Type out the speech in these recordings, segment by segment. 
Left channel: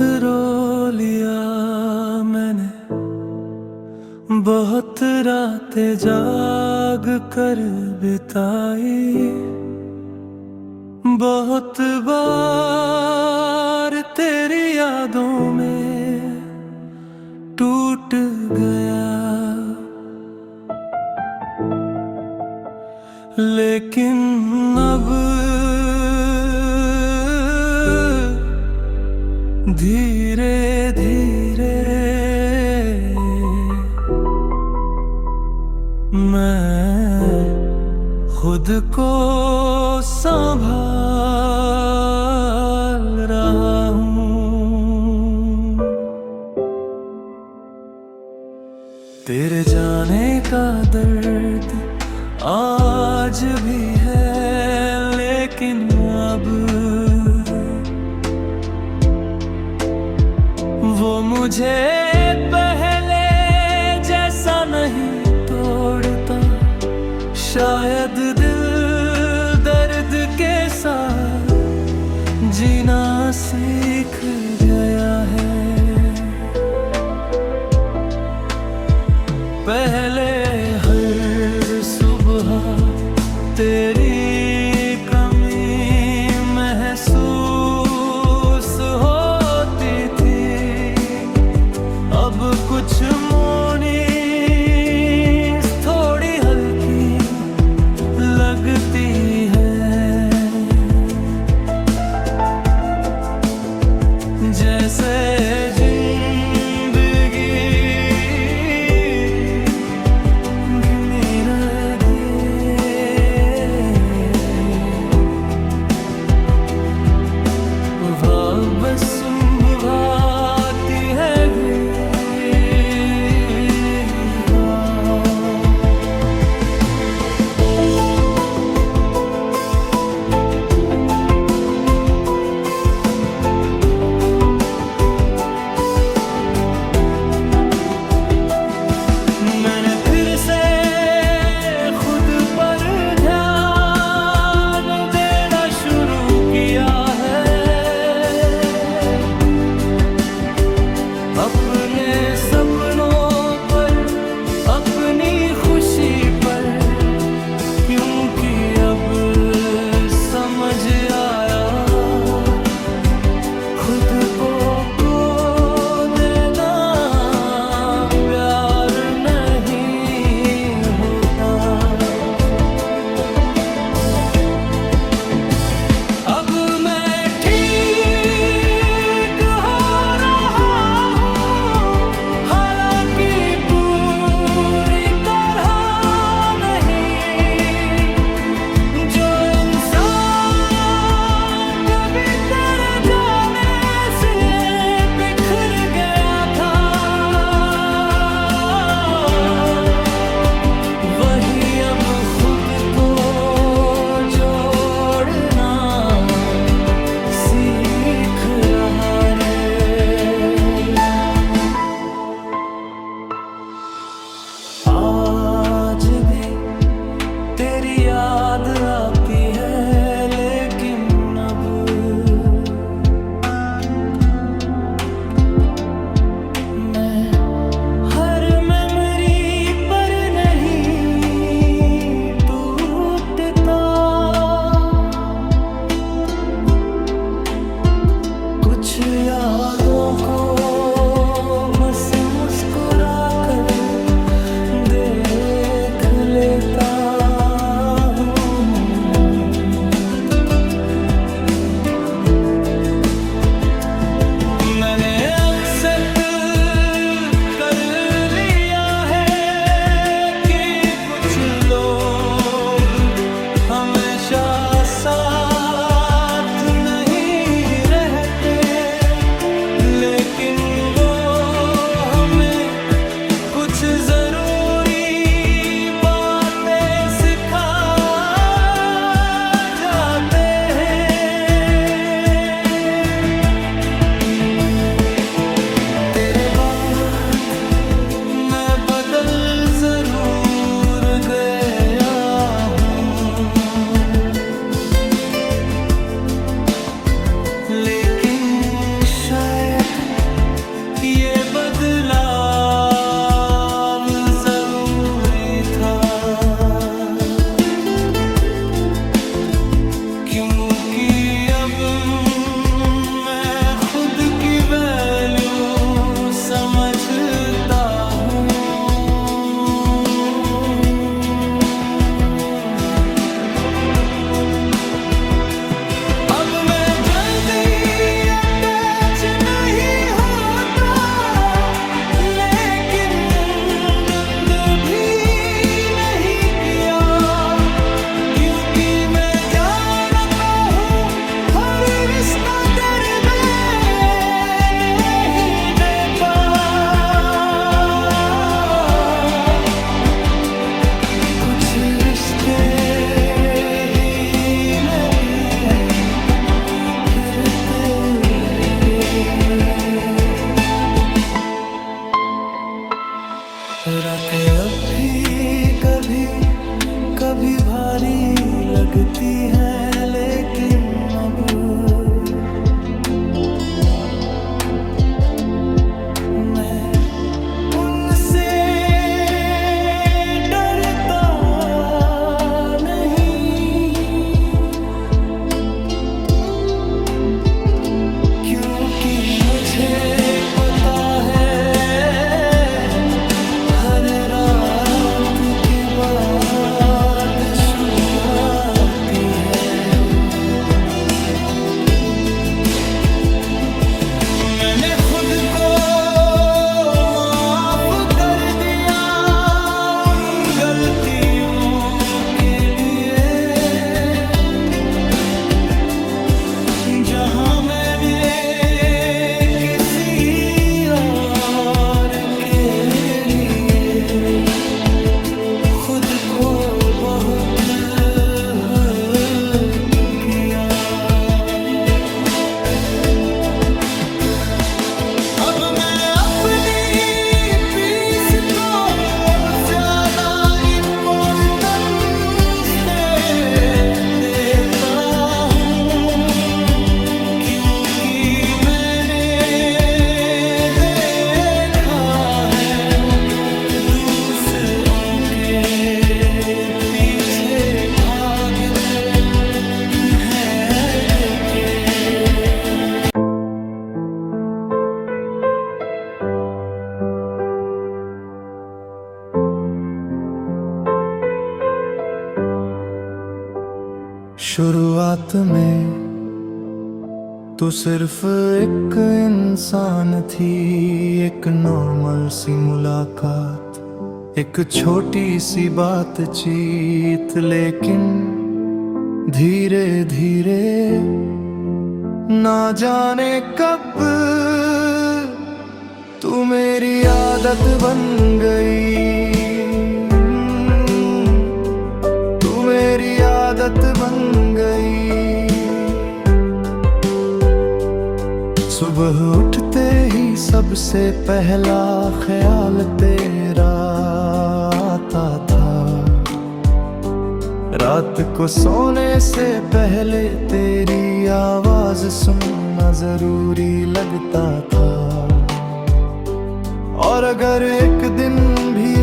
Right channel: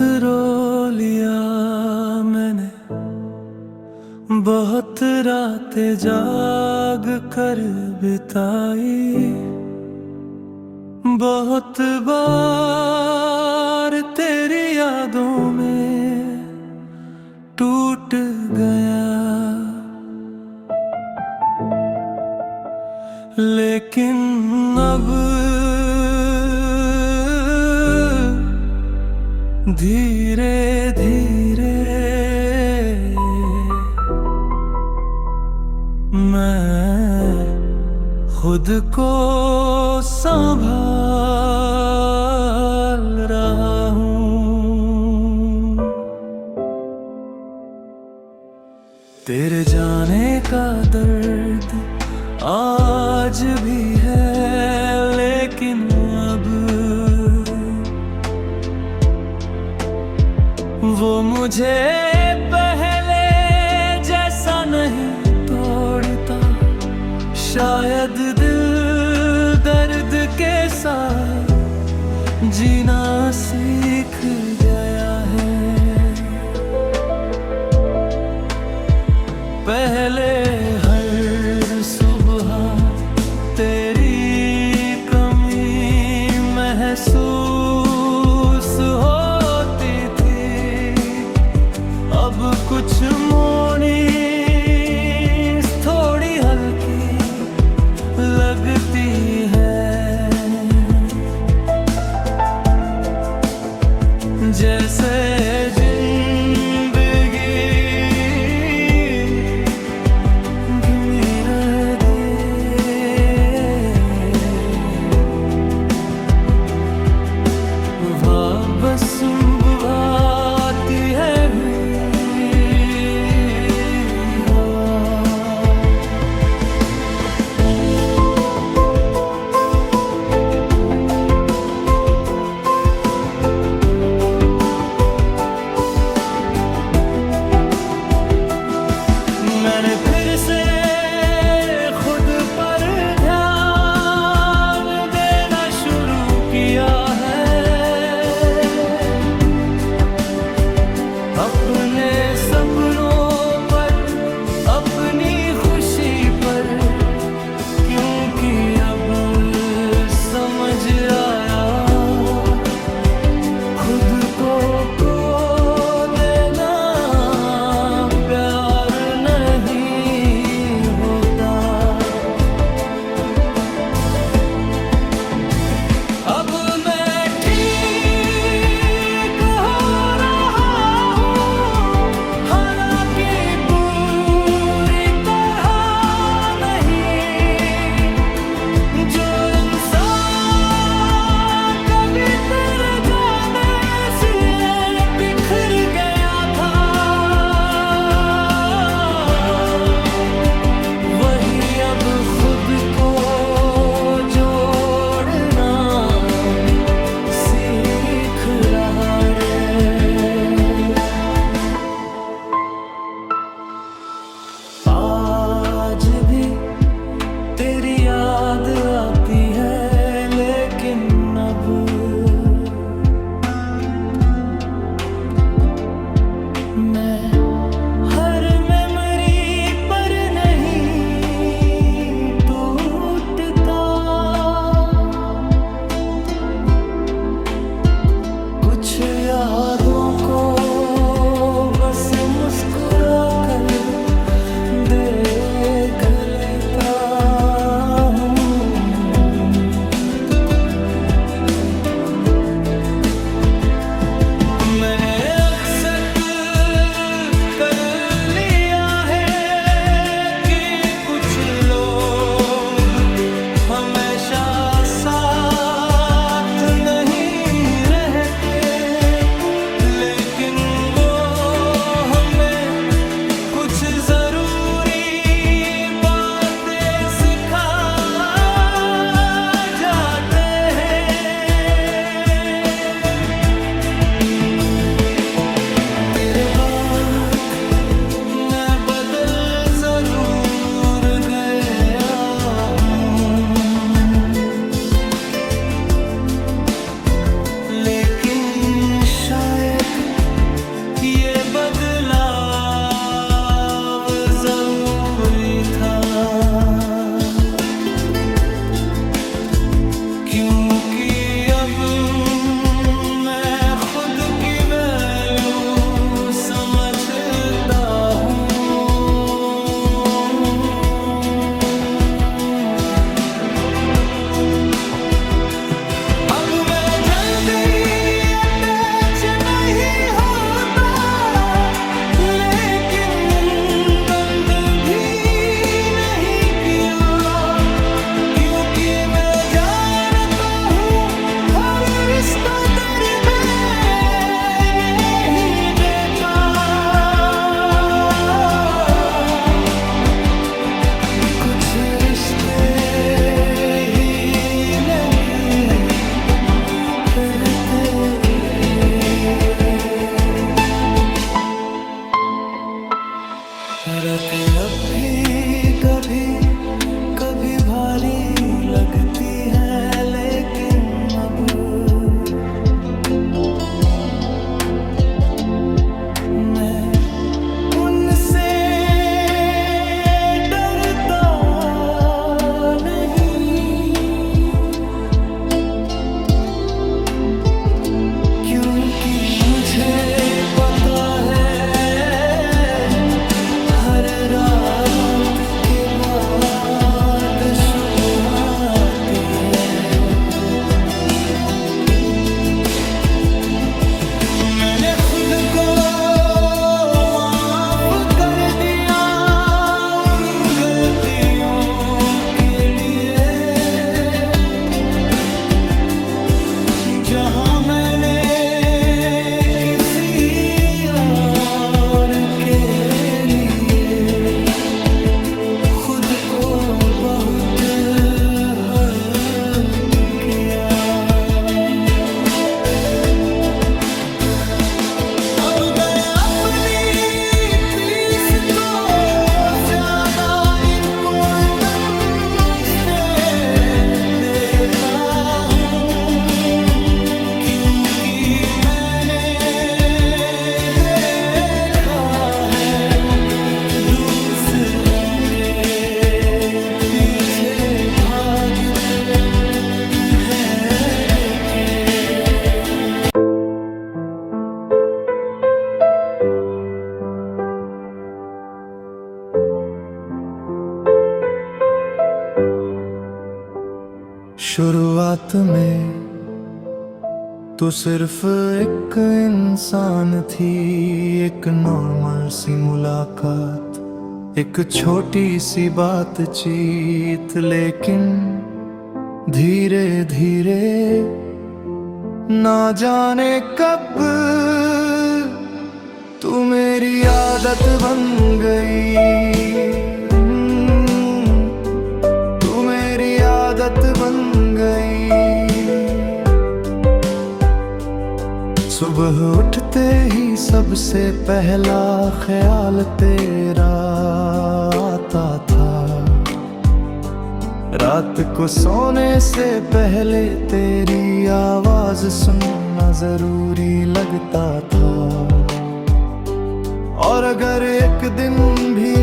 रो लिया मैंने, बहुत रातें जाग कर बिताई, बहुत बार तेरी यादों में टूट गया, लेकिन अब धीरे धीरे मैं खुद को संभाल रहा हूँ। तेरे जाने का दर्द आज भी है, लेकिन अब वो मुझे पहले जैसा नहीं तोड़ता। शायद दिल दर्द के साथ जीना सीख गया है। पहले हर सुबह तेरी कमी महसूस होती थी, अब कुछ मॉर्निंग्स थोड़ी हल्की लगती है, जैसे बस भाती है मैंने फिर से खुद पर ध्यान देना शुरू किया है। अपने सपनों पर, अपनी खुशी पर, क्योंकि अब समझ आया खुद को देना प्यार नहीं होता। अब मैं ठीक हो रहा हूँ, हालांकि पूरी तरह नहीं। जो इंसान कभी तेरे जाने से बिखर गया था, वही अब खुद को जोड़ना सीख रहा रे। आज भी तेरी याद आती है, लेकिन अब मैं हर मेमोरी पर नहीं टूटता। कुछ यादों को बस मुस्कुरा कर देख लेता हूँ। मैंने एक्सेप्ट कर लिया है कि कुछ लोग हमेशा साथ नहीं रहते, लेकिन वो हमें कुछ बदलाव जरूरी था, क्योंकि अब मैं खुद की वैल्यू समझता हूँ। अब मैं जल्दी अटैच नहीं होता, लेकिन बंद भी नहीं किया, क्योंकि मैं जानता हूँ हर रिश्ता दरमियान नहीं देता। कुछ रिश्ते रातें अब भी कभी कभी भारी लगती हैं, लेकिन अब मैं उनसे डरता नहीं, क्योंकि मुझे पता है हर रात के बाद सुबह आती है। मैंने खुद को माफ कर दिया उन गलतियों के लिए, जहां मैंने खुद को बहुत हर्ट किया। अब मैं अपनी पीस को ज्यादा इम्पोर्टेंस देता हूँ, क्योंकि मैंने देखा है दूसरों के भागते भेड़ के। शुरुआत में तो सिर्फ एक इंसान थी, एक नॉर्मल सी मुलाकात, एक छोटी सी बातचीत, लेकिन धीरे धीरे ना जाने कब तू मेरी आदत बन गई, तू मेरी आदत बन गई। सुबह उठते ही सबसे पहला ख्याल तेरा आता था, रात को सोने से पहले तेरी आवाज सुनना जरूरी लगता था। और अगर एक दिन भी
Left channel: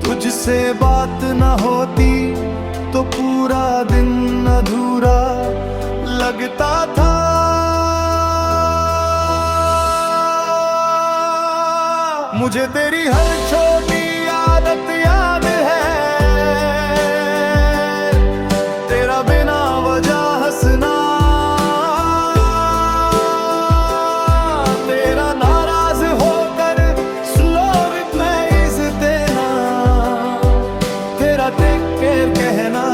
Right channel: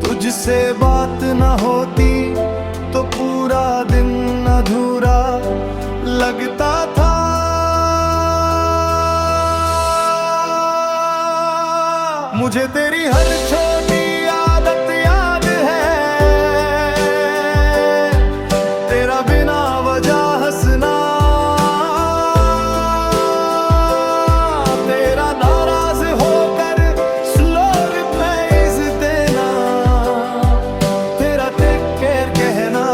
तुझसे बात न होती तो पूरा दिन अधूरा लगता था। मुझे तेरी हर छोटी आदत याद है, तेरा बिना वजह हंसना, तेरा नाराज होकर स्लो रिप्लाईज देना, तेरा टेक केयर कहना,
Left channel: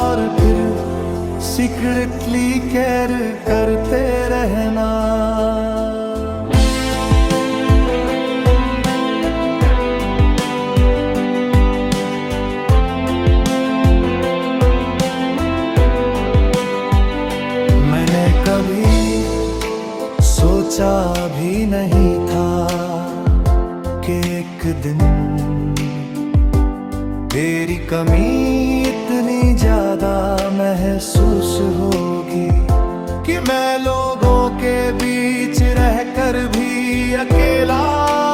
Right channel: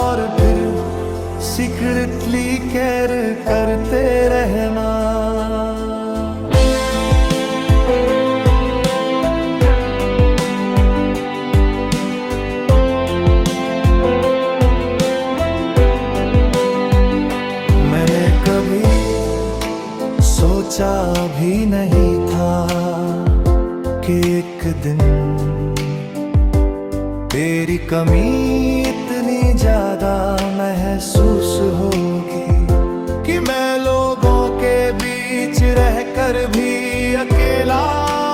और फिर सीक्रेटली केयर करते रहना। कभी सोचा भी नहीं था कि एक दिन तेरी कमी इतनी ज्यादा महसूस होगी कि मैं लोगों के बीच रहकर भी अकेला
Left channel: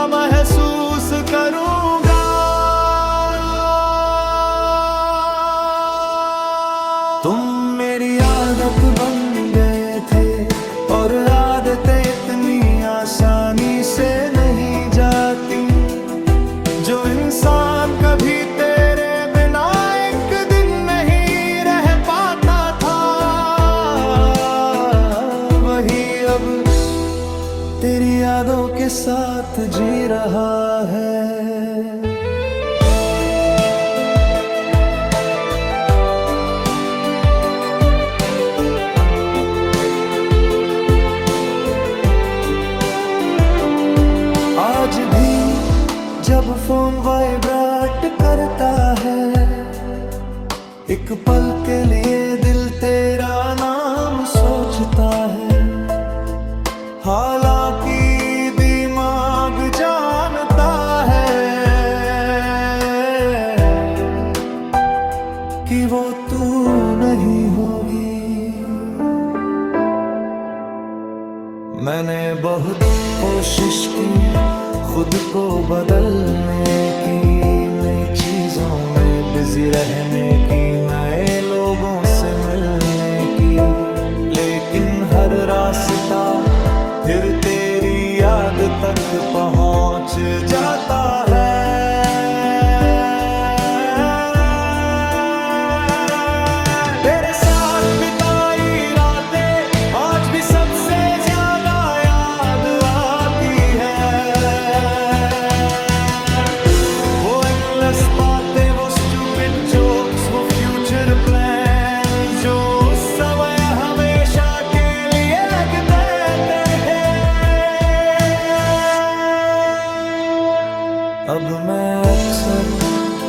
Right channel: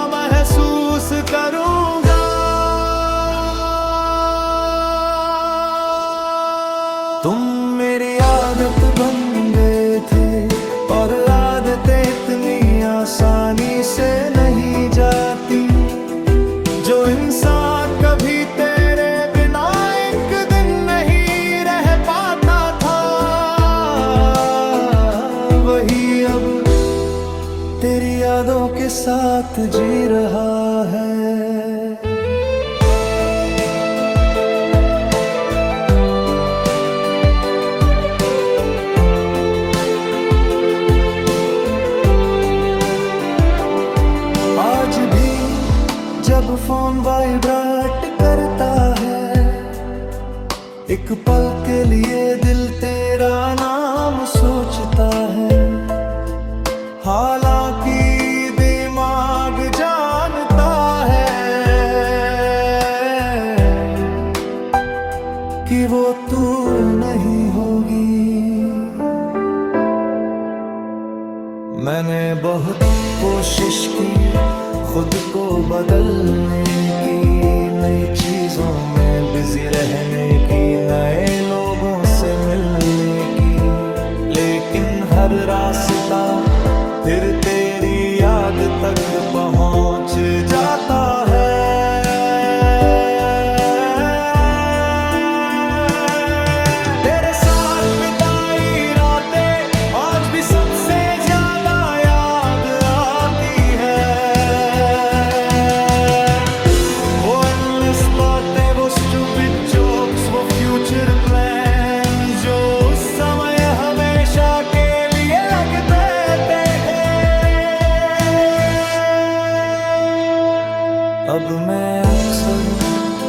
महसूस करूंगा। तुम मेरी आदत बन गए थे और आदतें इतनी आसानी से नहीं जाती। जो इंसान कभी तेरे बिना एक दिन नहीं रह पाता था, वही अब तेरी यादों के साथ जी रहा है। आज भी जब फोन वाइब्रेट करता है, एक पल के लिए दिल तेरा नाम सोचता है। हालांकि दिमाग जानता है कि वो तू नहीं होगी। मैंने बहुत कोशिश की खुद को बदलने की, नई चीजों में बिजी रहने की, नए लोगों से मिलने की, लेकिन हर रास्ता फिर तेरी याद तक पहुंच जाता है। तेरे साथ बिताई रातें आज भी सबसे ज्यादा याद आती है। वो एंडलेस बातें, वो स्टूपिड जोक्स, वो फ्यूचर प्लान जो उस समय हमेशा के लिए लगते थे। अब मैं अक्सर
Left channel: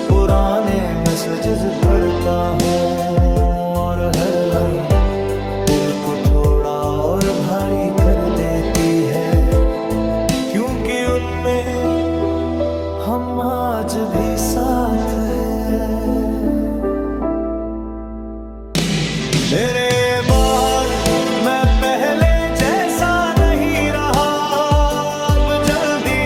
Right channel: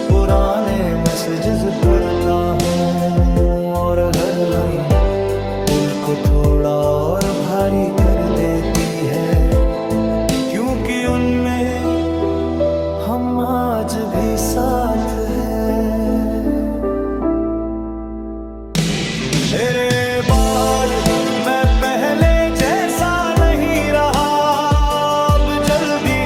पुराने मैसेजेस पढ़ता हूँ और हर लाइन दिल को थोड़ा और भारी कर देती है, क्योंकि उनमें हम आज भी साथ हैं। मेरे बाद मैं पहले जैसा नहीं रहा, अब जल्दी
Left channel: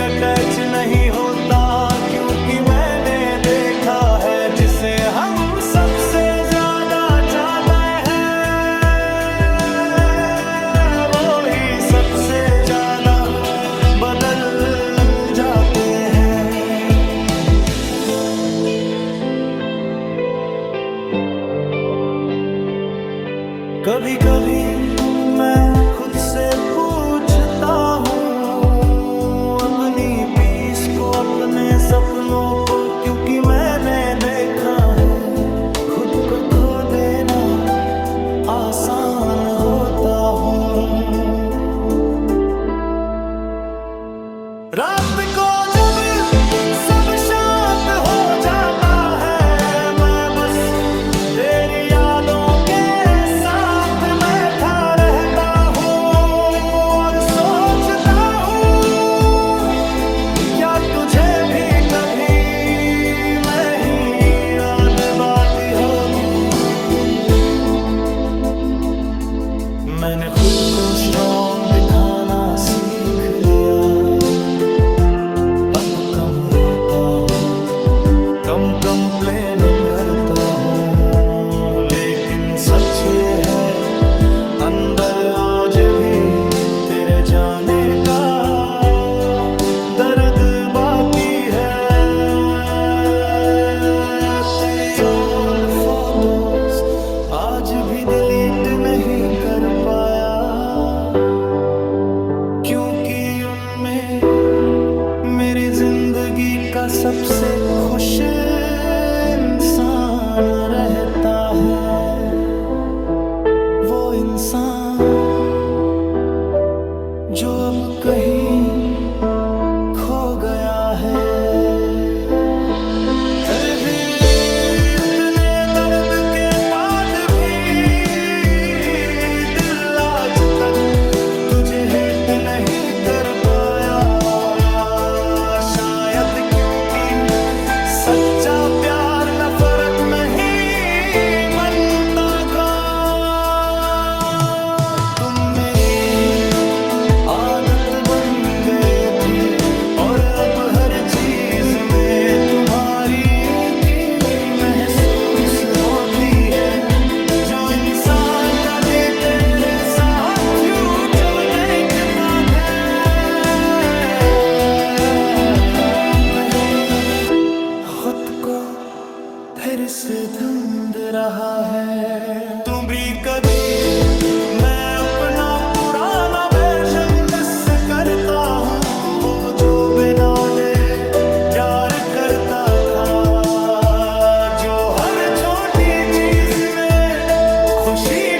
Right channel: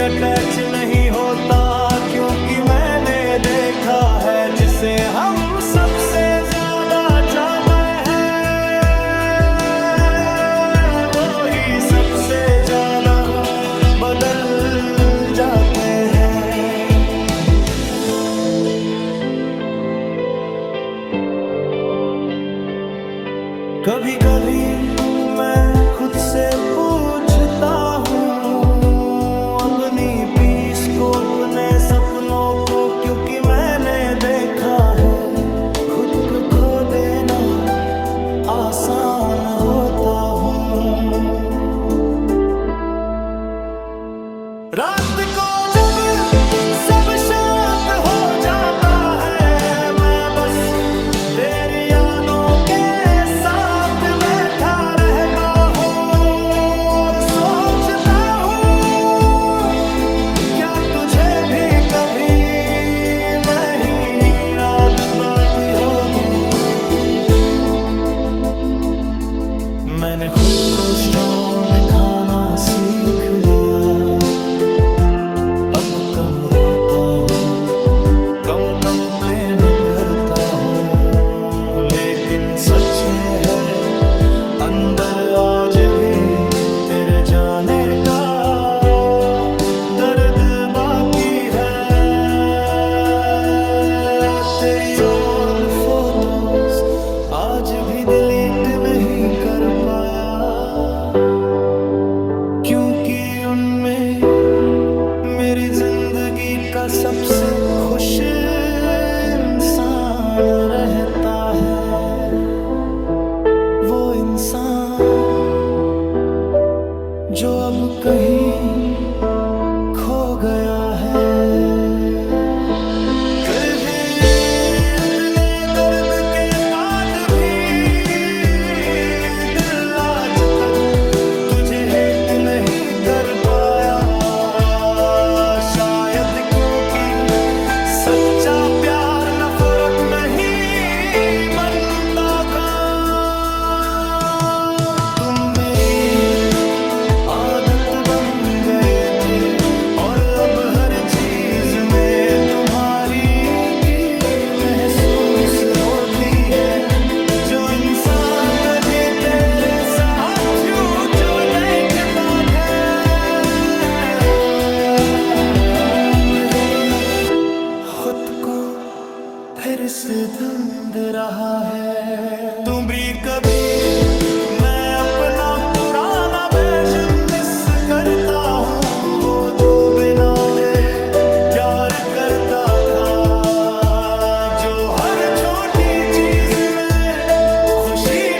अटैच नहीं होता, क्योंकि मैंने देखा है जिसे हम सबसे ज्यादा चाहते हैं, वो ही सबसे ज्यादा बदल जाते हैं। कभी कभी मैं खुद से पूछता हूँ अपनी पीस को, अपने सपनों को, क्योंकि मैंने देखा है खुद को खो देना आसान होता हूँ। रात को जब सब शांत हो जाता है, मैं बस तेरी यादों के साथ बैठा रहता हूँ और सोचता हूँ क्या तुझे भी कभी नहीं याद आती होगी। मैंने खुद को स्ट्रॉन्ग दिखाना सीख लिया, अब कम रोता हूँ, कम कंप्लेन करता हूँ, लेकिन सच ये है अंदर आज भी तेरे जाने का दर्द बाकी है। तेरी ओल्ड फोटोज आज भी डिलीट नहीं कर पाया, क्योंकि उनमें मेरी जिंदगी का सबसे खुश इंसान रहता है। वो इंसान जो अब कहीं खो गया है। कर भी इतने दर्द के बाद भी दिल आज तक तुझे हेट नहीं कर पाया, शायद क्योंकि सच्चा प्यार नफरत नहीं बनता गा। महसूस होती है, जो इंसान कभी तेरे साथ फ्यूचर देखता है, लेकिन अब खुद को फिर से ढूंढ रहा है। तुम भी कभी, मैं अपना पुराना वर्जन मिस करता हूँ, वो जो बिना डरे प्यार करता था, जो हर छोटी चीज में खुशी